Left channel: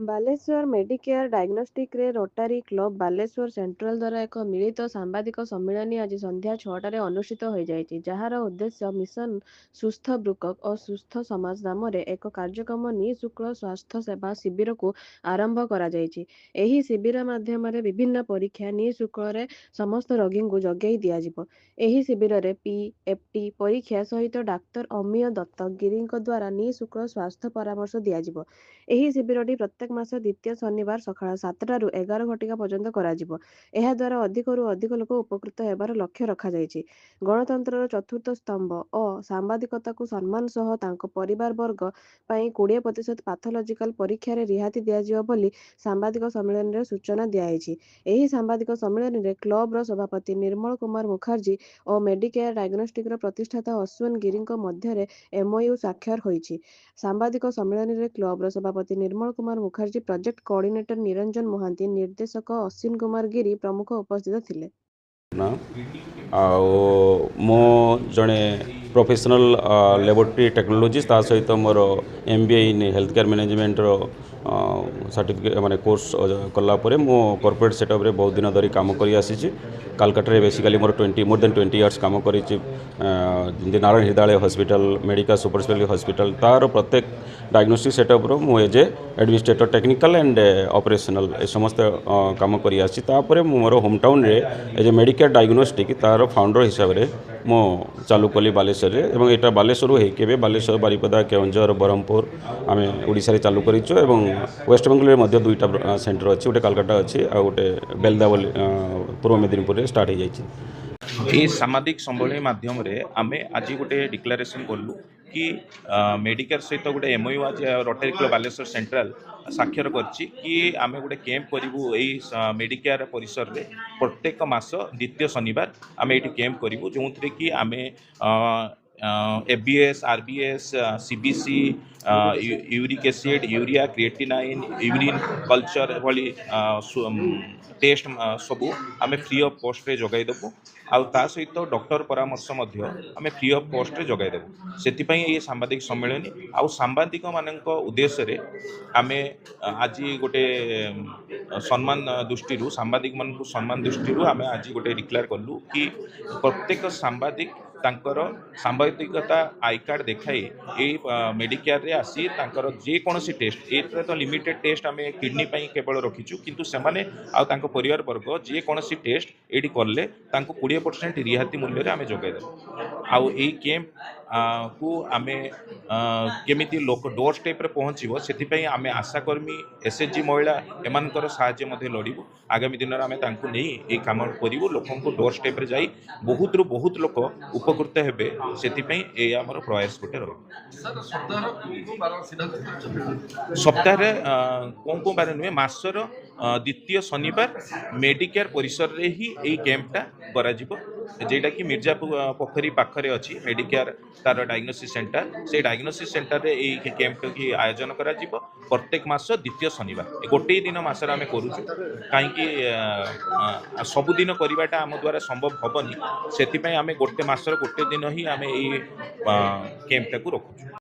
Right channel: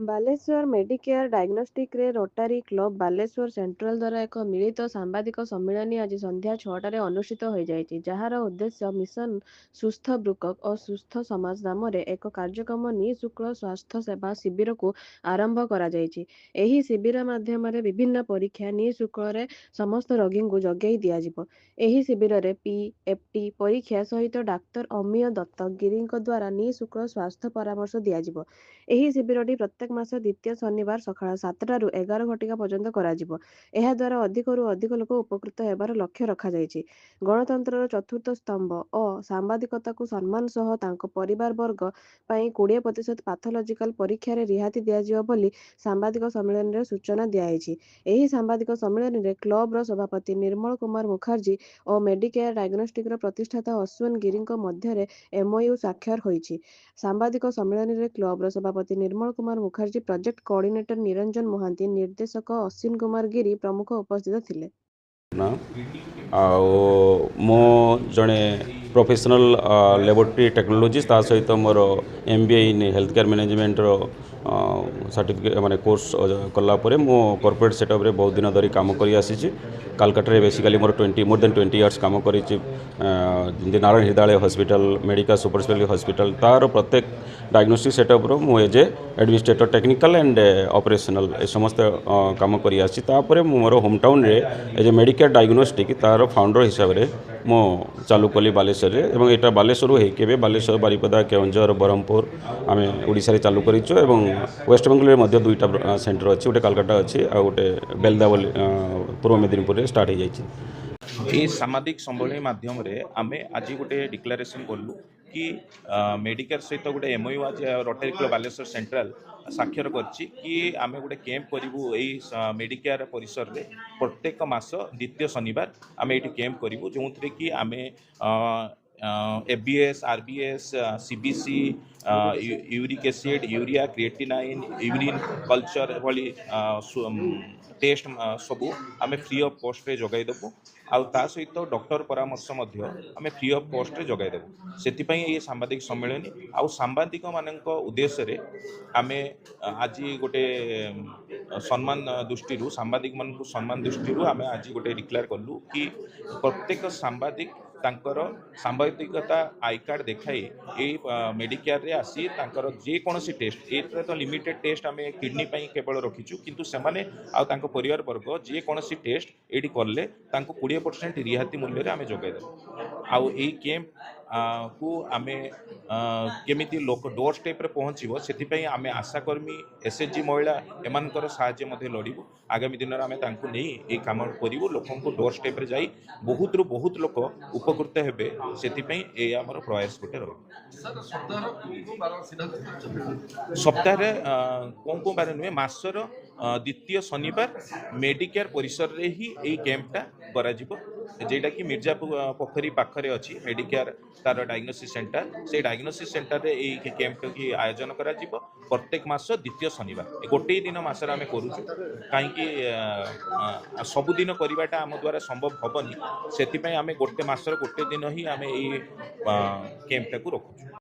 Balasore Medicare ଡାଇଗ୍ନୋଷ୍ଟିକ୍ସରେ Rotary Club Baleswar central ଦ୍ୱାରା ଏକ ମିଳିତ ସାମ୍ବାଦିକ ସମ୍ମିଳନୀ ଆଜି ସନ୍ଧ୍ୟା 6ଟାରେ ଅନୁଷ୍ଠିତ ହୋଇଯାଇଛି, ଯାହାର ଉଦ୍ଦେଶ୍ୟ ମିଶନ ସୁସ୍ଥ ବୃକକ୍ ଓ ସୁସ୍ଥ ସମାଜ ନାମରେ ଏକ କାର୍ଯ୍ୟକ୍ରମ ନିଃଶୁଳ୍କ ସ୍ୱାସ୍ଥ୍ୟ ସେବା ଶିବିରକୁ ଆରମ୍ଭ କରାଯାଇଛି। ଏହି ଶିବିର ମାଧ୍ୟମରେ ବିଭିନ୍ନ ପରୀକ୍ଷା ନିଃଶୁଳ୍କରେ ସମସ୍ତ ରୋଗୀଙ୍କୁ ଯୋଗାଇ ଦିଆଯିବ। ଏହି ଶିବିରରେ ପି.ଏଫ୍.ଟି. ପରୀକ୍ଷା ସହିତ ଡାକ୍ତର ଅମିୟ ଦତ୍ତଗିରିଙ୍କ ଦ୍ୱାରା ନିଃଶୁଳ୍କ ସ୍ୱାସ୍ଥ୍ୟ ପରାମର୍ଶ ଦିଆଯିବ। ଏହି ଶିବିରଟି ପ୍ରତ୍ୟେକ ମାସ ଦ୍ୱିତୀୟ ଶନିବାର ସକାଳ 7ଟାରୁ 11 ଘଟିକା ପର୍ଯ୍ୟନ୍ତ କରାଯିବ। ଏହାଦ୍ୱାରା ଅଧିକରୁ ଅଧିକ ଲୋକ ଉପକୃତ ହେବାର ଲକ୍ଷ୍ୟ ରଖାଯାଇଛି। ଗଣତନ୍ତ୍ରର ଚତୁର୍ଥ ସ୍ତମ୍ଭ ଓ ସାମ୍ବାଦିକତାକୁ ସମ୍ମାନ ସହ ତାଙ୍କ ପରିବାରବର୍ଗ ପାଇଁ 20% ପାଥୋଲଜିକାଲ ପରୀକ୍ଷାରେ ରିହାତି ଦିଆଯିବ ବୋଲି ସାମ୍ବାଦିକ ସମ୍ମିଳନୀରେ ସୂଚନା ଦିଆଯାଇଛି। ଏହି ସାମ୍ବାଦିକ ସମ୍ମିଳନୀରେ କ୍ଲବର ସଭାପତି ନିର୍ମଳ କୁମାର ମୁଖାର୍ଜୀ ଓ ମେଡିକେୟାର ଡାଇଗ୍ନୋଷ୍ଟିକ୍ସର ପ୍ରତିଷ୍ଠାତା ଅଶ୍ୱିନ ଗିରିଙ୍କ ମଧ୍ୟରେ MOU ସ୍ୱାକ୍ଷର ହୋଇଛି। ସାମ୍ବାଦିକ ସମ୍ମିଳନୀରେ କ୍ଲବର ସଭାପତି ନିର୍ମଳ କୁମାର ମୁଖାର୍ଜୀ, ପ୍ରୋଜେକ୍ଟ କୋଅର୍ଡିନେଟର ନିରଞ୍ଜନ ମହାନ୍ତି, ନିର୍ଦ୍ଦେଶକ ଅଶ୍ୱିନ କୁମାର ଗିରି ପ୍ରମୁଖ ଉପସ୍ଥିତ ଥିଲେ। ନା ଆଉ ମୁଁ ଜଣେ ପ୍ରୋଫେସନାଲ ଲ୍ୟାବୋରେଟୋରୀ ଟେକ୍ନୋଲୋଜିଷ୍ଟ, ତା ସହିତ ମୋର MBA ଇନ୍ ହେଲ୍ଥ କେୟାର ମ୍ୟାନେଜମେଣ୍ଟର ସାର୍ଟିଫିକେଟ୍ ମାନେ କୋର୍ସ କଲା ପରେ ମୁଁ କର୍ପୋରେଟ୍ ସେଟଅପ୍ରେ ବହୁତ ଦିନ ଧରି କାମ କରି ଆସିଛି। କାଲକାଟାରେ ବେସିକାଲି ମୋର ମୋର୍ ଦେନ୍ 20 ଇୟର୍ସ କାମ କରିଛି। ଯେମିତି Narayana Hrudayalaya hospital, medical super speciality hospital, ତାର ପ୍ରତ୍ୟେକ ଡାଇଗ୍ନୋଷ୍ଟିକ୍ ସେଟଅପ୍ର ମୁଁ as a administrator technical and operational ଏ ସମସ୍ତ କାମ କରି ଆସିଛି। ତାପରେ ମୁଁ ମୋର ହୋମ୍ ଟାଉନରେ ଏଜ୍ ଏ ମେଡ଼ିକେୟାର ଡାଇଗ୍ନୋଷ୍ଟିକ୍ ତାର ଫାଉଣ୍ଡର ହିସାବରେ ମୁଁ ଚାଲୁ କଲି ବାଲେଶ୍ୱରରେ, ଏବଂ ଏଇଟା ବାଲେଶ୍ୱରରୁ ହେଇକି ଏବେ ବାଲେଶ୍ୱର, ବାରିପଦା, କେଉଁଝର, ବ୍ରହ୍ମପୁର ଆମେ ଓଡ଼ିଶାରେ ଚାଲୁ କରିଛୁ, ଏବଂ ୱେଷ୍ଟବେଙ୍ଗଲରେ ମଧ୍ୟ 2ଟା ସେଣ୍ଟର ଅଛି। ଗୋଟେ କାଲକାଟା ଅଛି, ଆଉ ଗୋଟେ ବେଲଦା ବୋଲି ପୂର୍ବ ମେଦିନୀପୁରରେ ଷ୍ଟାର୍ଟ ହେଇଯାଇଛି। এই সামাজিক সম্মেলনী মাধ্যমে আমি আজ গোটে ডিক্লারেসন কলু কি মেডিকেয়ার সহিত গোটে MOU আজ রোটারি ক্লব বালেশ্বর সেন্ট্রাল স্বাক্ষর করছি কি আমি গোটে ক্যাম্প করবু এই মেডিকেয়ার পরিসরে প্রত্যেক মাস দ্বিতীয় শনিবার আমি এটি ক্যাম্প করবু, যে কি আমি FBS, RBS, CBC, uric acid, urea, creatinine, urine culture भली टेस्ट सबू आम फ्री ऑफ कॉस्ट रे जगाई देबू। ता सहित डॉक्टर परामर्श आम फ्री ऑफ कॉस्ट रे जगाई देबू। से ये सांबादिक सम्मेलन आउ सांबादिक मानक उद्देश्य रे आम आज गोटे सम्मान दृष्टि सांबादिक मान सम्मान दृष्टि आम आज गोटे डिक्लेयर कलु कि प्रत्येक सांबादिक तांकर सांबादिकता आई कार्ड देखाई मेडिकेयर रे आसी तांकर जेकोसी टेस्ट ए तो लिमिटेड टेस्ट आम किडनी केवल रखीचु, किंतु सेमाने आ तांको परिवार वर्ग जेकोसी टेस्ट एटी करले तांको 20% रिहाती मूल्य आम जोगाईदेबु। आउ एई कैंप को आम केमिति लोक डोर स्टेप रे पहुँचो से आम आशाकर्मी, SHG महिला एमानकर साहाय्य मध्य लड़ू। आगामी दिन में आम तांको नहीं ये काम करूँ, लोक डोर स्टेप रे जाई बहुत रु बहुत लोक उपकृत हेबे, से आमर प्रयास गोटे रही। सप्ताह कौन बार नुहे मासर द्वितीय शनिवार मेडिकेयर परिसर रे ही यही कैंपटा करा जेटा कि मिर्जापुर पोखरी पाखरे अच्छी मेडिकेयर तार डायग्नोसिस सेंटर, से डायग्नोसिस सेंटर रे यही कैंप की आयोजन करा प्रत्येक मास द्वितीय शनिवार गोटे दिन मसर आम करूँ कहीं सबुदिन करवाटा आम द्वारा संभव हेनी, से आम गोटे मसर गोटे दिन ही आम यही कैंपटा को रखुँ।